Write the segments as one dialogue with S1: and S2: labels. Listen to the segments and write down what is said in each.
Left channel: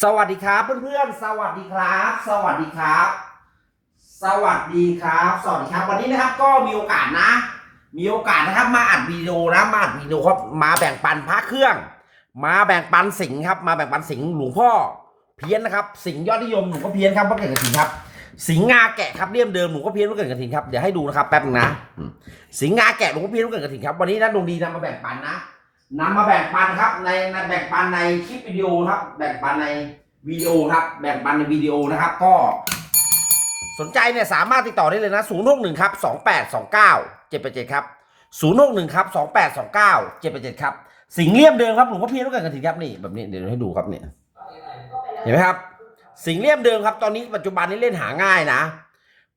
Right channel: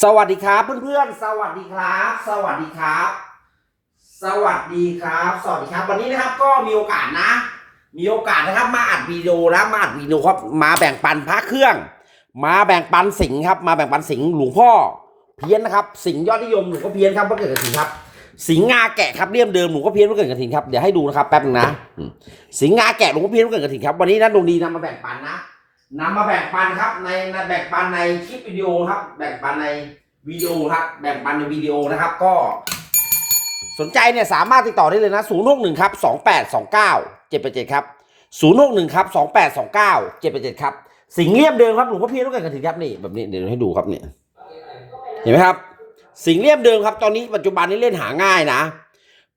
S1: สวัสดีครับเพื่อนๆ สวัสดีครับ สวัสดีครับ สวัสดีครับสวัสดีครับ วันนี้นะครับก็มีโอกาสนะ มีโอกาสนะครับมาอัดวิดีโอนะมาอัดวิดีโอครับมาแบ่งปันพระเครื่อง มาแบ่งปันสิงครับ มาแบ่งปันสิงหลวงพ่อ เพี้ยนนะครับ สิงยอดนิยมหลวงพ่อเพี้ยนครับว่าเกิดกระถิ่นครับ สิงงาแกะครับเลี่ยมเดิมหลวงพ่อเพี้ยนว่าเกิดกระถิ่นครับเดี๋ยวให้ดูนะครับแป๊บนึงนะ สิงงาแกะหลวงพ่อเพี้ยนว่าเกิดกระถิ่นครับวันนี้นะดวงดีนำมาแบ่งปันนะ นำมาแบ่งปันครับในแบ่งปันในคลิปวิดีโอครับ แบ่งปันในวิดีโอครับ แบ่งปันในวิดีโอนะครับ ก็สนใจเนี่ยสามารถติดต่อได้เลยนะ 0 6 1ครับ2 8 2 9 7 8 7ครับ0 6 1ครับ2 8 2 9 7 8 7ครับสิงเลี่ยมเดิมครับหลวงพ่อเพียรต้องการกระถิ่นครับนี่แบบนี้เดี๋ยวให้ดูครับเนี่ยเห็นไหมครับ สิงเลี่ยมเดิมครับ ตอนนี้ปัจจุบันนี้เล่นหาง่ายนะ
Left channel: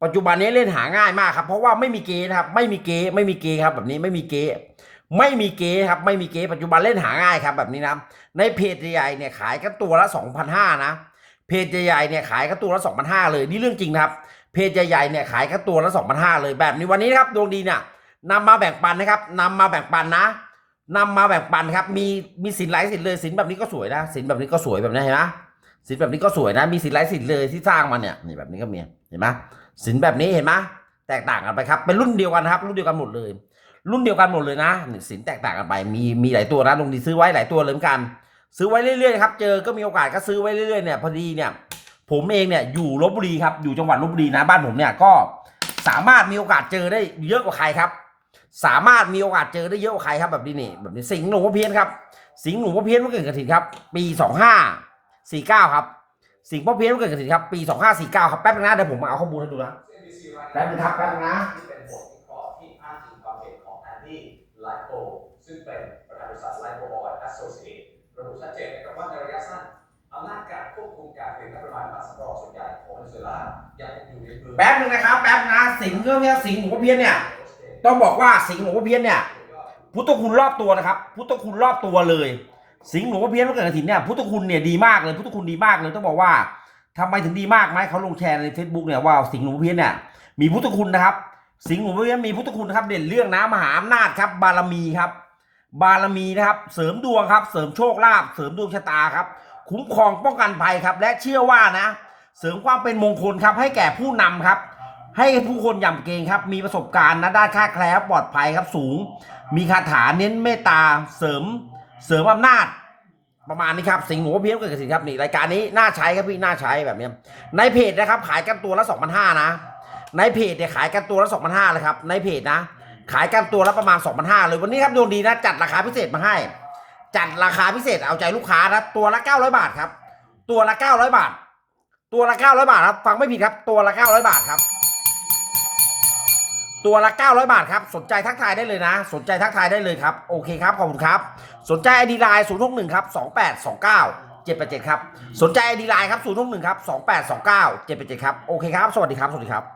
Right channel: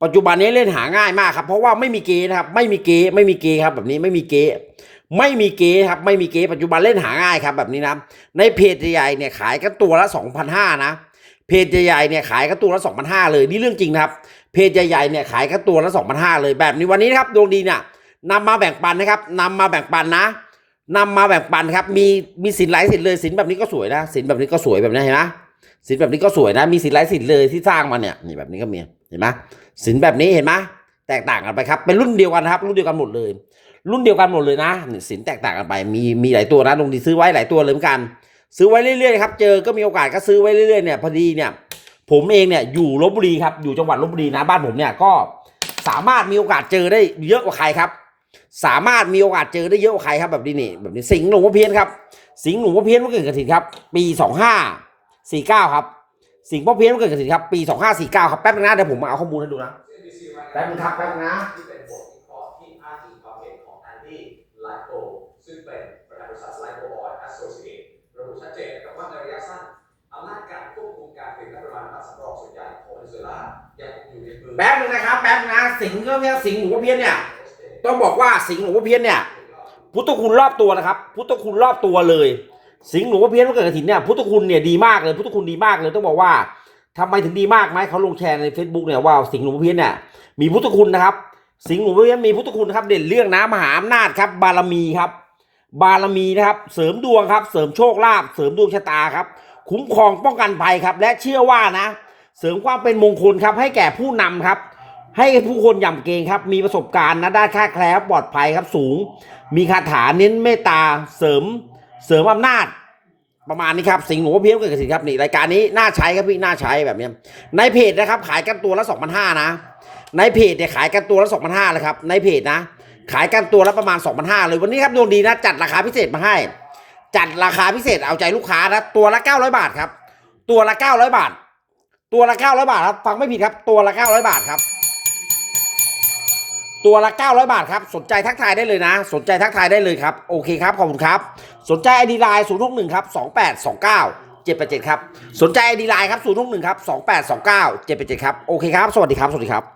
S1: ปัจจุบันนี้เล่นหาง่ายมากครับ เพราะว่าไม่มีเกย์นะครับ ไม่มีเกย์ไม่มีเกย์ครับ แบบนี้ไม่มีเกย์ ไม่มีเกย์ครับไม่มีเกย์ปัจจุบันเล่นหาง่ายครับแบบนี้นะในเพจใหญ่เนี่ยขายกันตัวละ2,500นะเพจใหญ่เนี่ยขายกันตัวละ2,500เลยนี่เรื่องจริงนะครับ เพจใหญ่ๆเนี่ยขายกันตัวละ2,500เลยแบบนี้วันนี้นะครับดวงดีเนี่ยนำมาแบ่งปันนะครับนำมาแบ่งปันนะนำมาแบ่งปันครับมีมีสินหลายสินเลยสินแบบนี้ก็สวยนะสินแบบนี้ก็สวยแบบนี้เห็นไหมสินแบบนี้ก็สวยนะ มีสินหลายสินเลยที่สร้างมาเนี่ยนี่แบบนี้ก็มีเห็นไหมสินแบบนี้เห็นไหมแตกต่างกันไปครับเป็นรุ่นเดียวกันครับ รุ่นเดียวกันหมดเลย รุ่นเดียวกันหมดเลยนะสินแตกต่างกันไป มีมีหลายตัวนะดวงดีซื้อไว้หลายตัวเลยเหมือนกัน ซื้อไว้เรื่อยๆครับ เจอก็มีโอกาสก็ซื้อไว้เรื่อยๆเนี่ยพอดีเนี่ย ผมเองเนี่ยอยู่ลบบุรีครับ อยู่จังหวัดลบบุรีนะบ้านผมเนี่ยก็สามารถมีโอกาสเจอได้เยอะกว่าใครครับ สามารถมีโอกาสเจอได้เยอะกว่าใครครับแบบนี้นี่แบบนี้สิงห์หลวงพ่อเพี้ยนครับ สิงห์หลวงพ่อเพี้ยนเมื่อเกิดกระถิ่นครับ ปีสองห้าสี่เก้าครับ สิงห์พ่อเพี้ยนเมื่อเกิดกระถิ่นครับ ปีสองห้าสี่เก้าครับแป๊บนึงนะเดี๋ยวผมมาเอาข้อมูลให้ดูนะแป๊บนึงครับแป๊บนึงนะ
S2: ซึ่งเป็นประธานบริษัทไลโกบอยแอสโซเชตระบุชัดเจนนะครับว่าในระยะสั้นอำนาจการควบคุมการผลิตและปริมาณน้ำมันสำรองส่วนใหญ่ของเวเนซุเอลายังคงอยู่ในมือ
S1: แป๊บนึงนะครับแป๊บนึงนะสิงห์ก็เพี้ยนสิงห์หลวงพ่อเพี้ยนเนี่ยต้องบอกว่าสิงห์หลวงพ่อเพี้ยนเนี่ยพุทธคุณรอบตัวนะครับ พุทธคุณรอบตัวเลย สิงห์หลวงพ่อเพี้ยนเมื่อเกิดกระถินเนี่ยพุทธคุณเนี่ยดีมากเลยพุทธคุณดีมากเลยต้องบอกว่าทำไมถึงดีมากไหมเขาลงแชร์ใน Facebook เนี่ยว่าสิงห์หลวงพ่อเพี้ยนเนี่ยมีพุทธคุณนะครับ สิงห์หลวงพ่อเพี้ยนมีพุทธคุณนะครับเด่นเรื่องนะมหาอำนาจครับบารมีครับ บารมีนะครับ เสริมดวงครับ เสริมโชคลาภเสริมดวงชะตาครับ คุ้มครองป้องกันภัยครับ และเชื่อว่านะ เสริมความเป็นมงคลครับ ให้แก่ผู้นำครับ ให้ผู้คนย่ำเกรงครับ มีประสบการณ์นะด้านค่าแคล้วปลอดภัยครับสูง มีคาถาเน้นเมตตาเสริมเสริมอำนาจประมาณนี้ครับสิงห์หลวเพี้ยนเกิดกับสิงครับนี่รายการนี้น่าใช้ครับพี่น่าใช้แบบนี้ในเพจนะครับ ขายกันตัวละ2,500นะ ในเพจเนี่ยขายกันตัวละ2,500เลยครับในเพจนะ ขายกันตัวละประมาณ 2,500เลยวันนี้ครับดวงดีนะจัดราคาพิเศษมาให้ จัดราคาพิเศษเอาใจลูกค้านะตัวละ 900 บาทครับ ตัวละ 900 บาท ตัวละ 900 บาทครับฟังไม่ผิดครับตัวละ 900 บาทครับ ตัวละ 900 บาทครับสนใจทักทายได้เลยนะ สนใจทักทายได้เลยครับโอเคครับขอบคุณครับ สนใจไอดีไลน์0 6 1ครับ2829 787ครับสนใจไอดีไลน์ครับ0 6 1ครับ2829 787ครับโอเคครับสวัสดีครับสวัสดีครับ